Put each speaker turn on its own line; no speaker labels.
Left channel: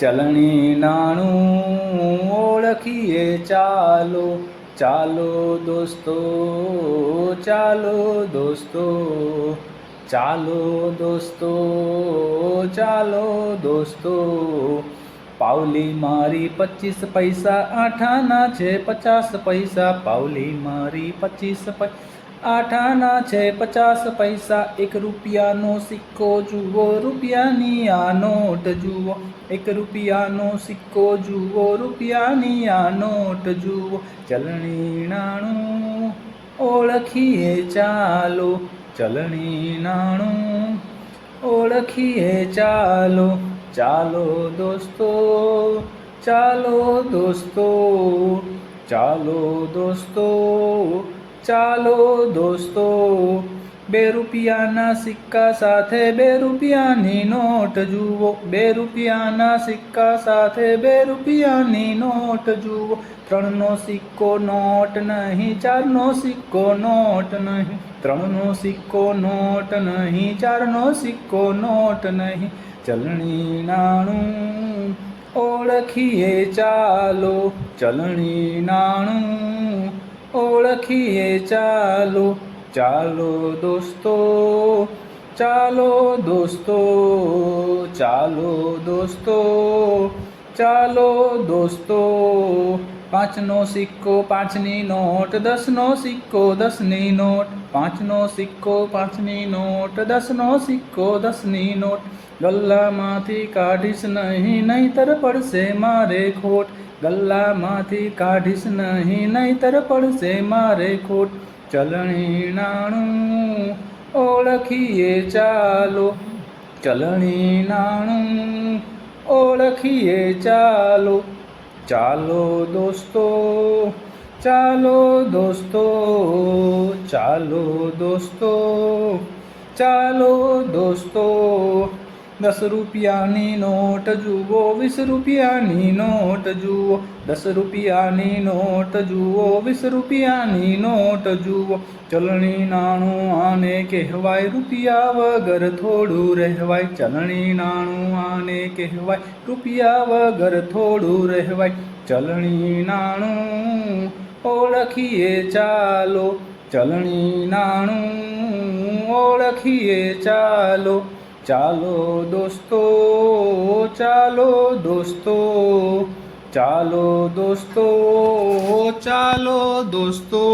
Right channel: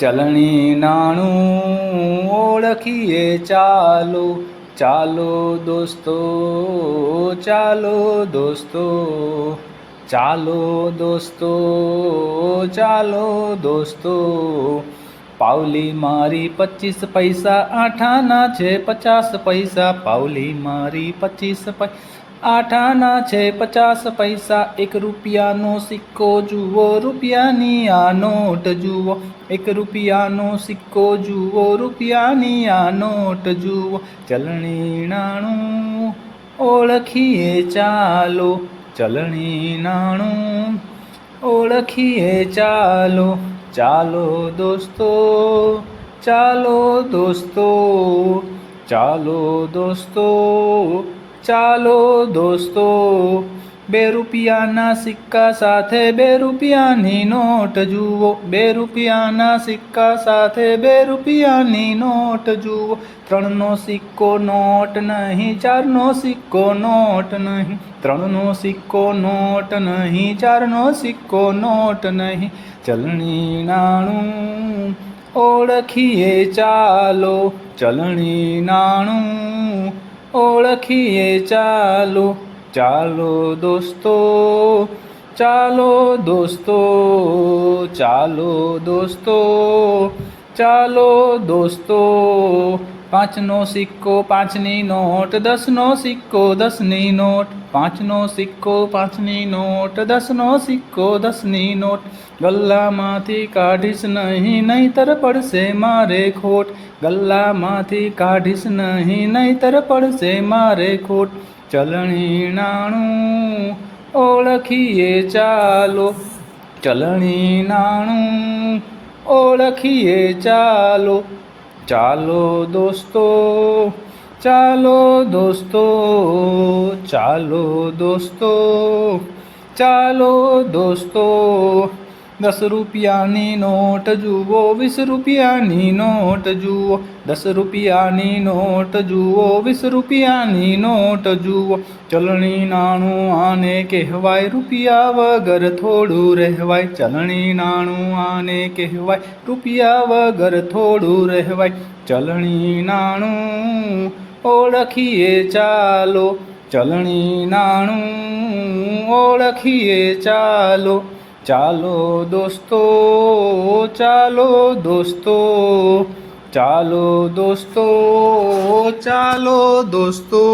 ચલણી નાણું ઓળખીએ, ચાલો ચાલો દોસ્તો ચાલો દોસ્તો ચાલો દોસ્તો ચાલો દોસ્તો. પાવલી મારી પચીસ પૈસા આઠાના છે, પચાસ પૈસા પાવલી મારી પચીસ પૈસા આઠાના છે પચાસ પૈસા, એક રૂપિયાનો સિક્કો જુઓ, રૂપિયાની આ નોટ જુઓ. એક રૂપિયાનો સિક્કો જુઓ, રૂપિયાની આ નોટ જુઓ. ચલણી નાણું ઓળખીએ ચાલો, ચલણી નાણું ઓળખીએ ચાલો. ચાલો દોસ્તો ચાલો દોસ્તો ચાલો દોસ્તો. ચાલો દોસ્તો, બે રૂપિયાના સિક્કા સાથે બે રૂપિયાની નોટ જુઓ. બે રૂપિયાના સિક્કા સાથે બે રૂપિયાની નોટ જુઓ. ત્રણનો સિક્કો નોટ નહીં, ચારનો સિક્કો નોટ નહીં. ત્રણનો સિક્કો નોટ નહીં, ચારનો સિક્કો નોટ નહીં. ચલણી નાણું ઓળખીએ ચાલો. ચલણી નાણું ઓળખીએ ચાલો ચાલો દોસ્તો ચાલો દોસ્તો ચાલો દોસ્તો. ચાલો દોસ્તો, પાંચનો સિક્કો, પાંચની નોટ, દસનો સિક્કો, દસની નોટ, પાંચનો સિક્કો, પાંચની નોટ, દસનો સિક્કો, દસની નોટ. ગલ્લામાંથી કાઢીશ નહીં, નહીતર પડશે મારે ખોટ. ગલ્લામાંથી કાઢીશ નહીં, નહીતર પડશે મારે ખોટ. ચલણી નાણું ઓળખીએ ચાલો. ચલણી નાણું ઓળખીએ ચાલો. ચાલો દોસ્તો ચાલો દોસ્તો ચાલો દોસ્તો ચાલો દોસ્તો. દસ રૂપિયાની નોટ જુઓ વીસ રૂપિયાની નોટ જુઓ દસ રૂપિયાની નોટ જુઓ વીસ રૂપિયાની નોટ જુઓ. ચલણી નાણું આને કહેવાય, રૂપિયા વગર થોડું રહેવાય. ચલણી નાણું આને કહેવાય, રૂપિયા વગર થોડું રહેવાય. ચલણી નાણું ઓળખીએ ચાલો, ચલણી નાણું ઓળખીએ ચાલો. ચાલો દોસ્તો ચાલો દોસ્તો ચાલો દોસ્તો ચાલો દોસ્તો.